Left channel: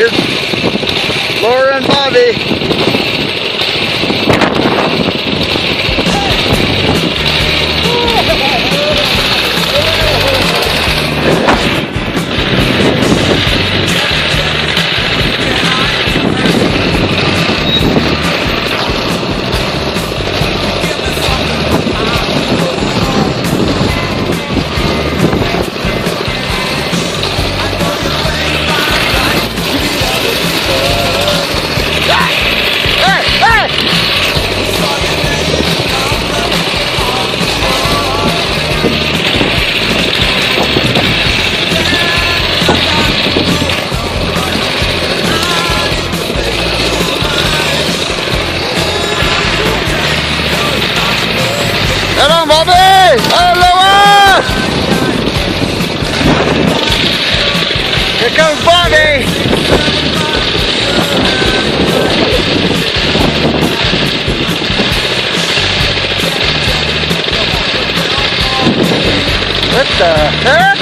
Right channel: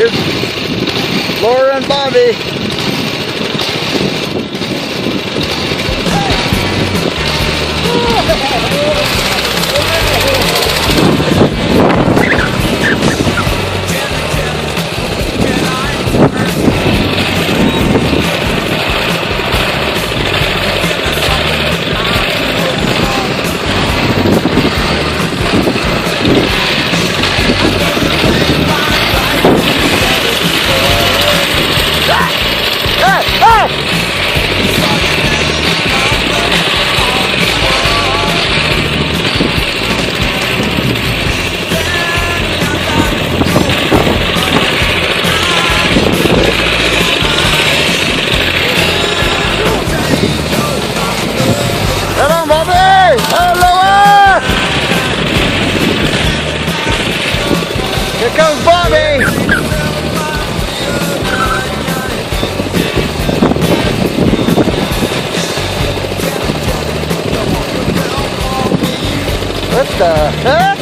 Here's Laura and Bobby. Come on, Bobby! Hello! Here comes Bobby! What the heck?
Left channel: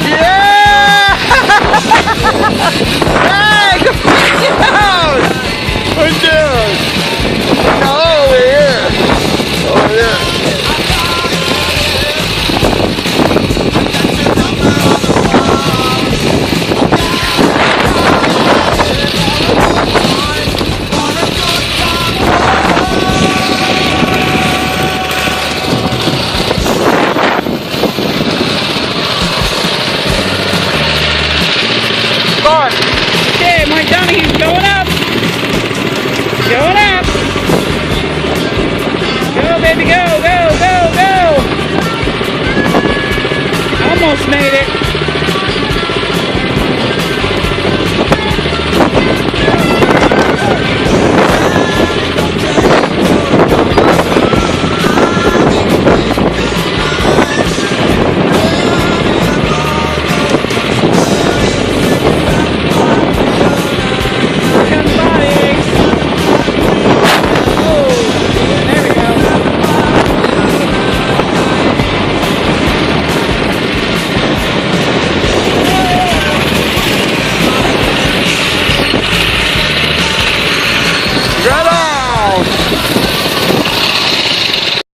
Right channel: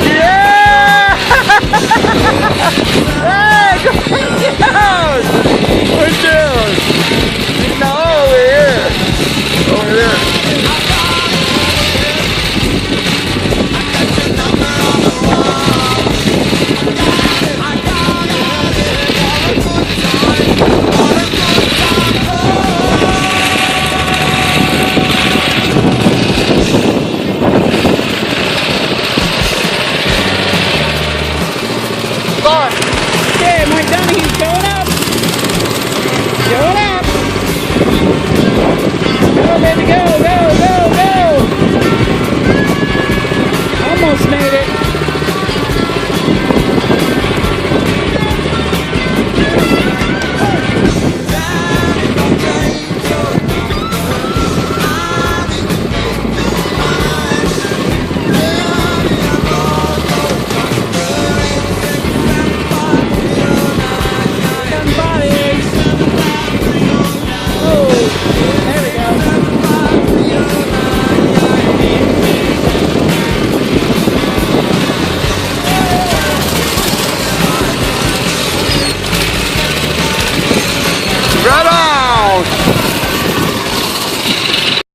Yeah! Hey, go down! We're down! No, over here! Over there! Okay, Mike Donahue's going up. Going up. Go, baby, go, go, go, go. Almost made it. Right on!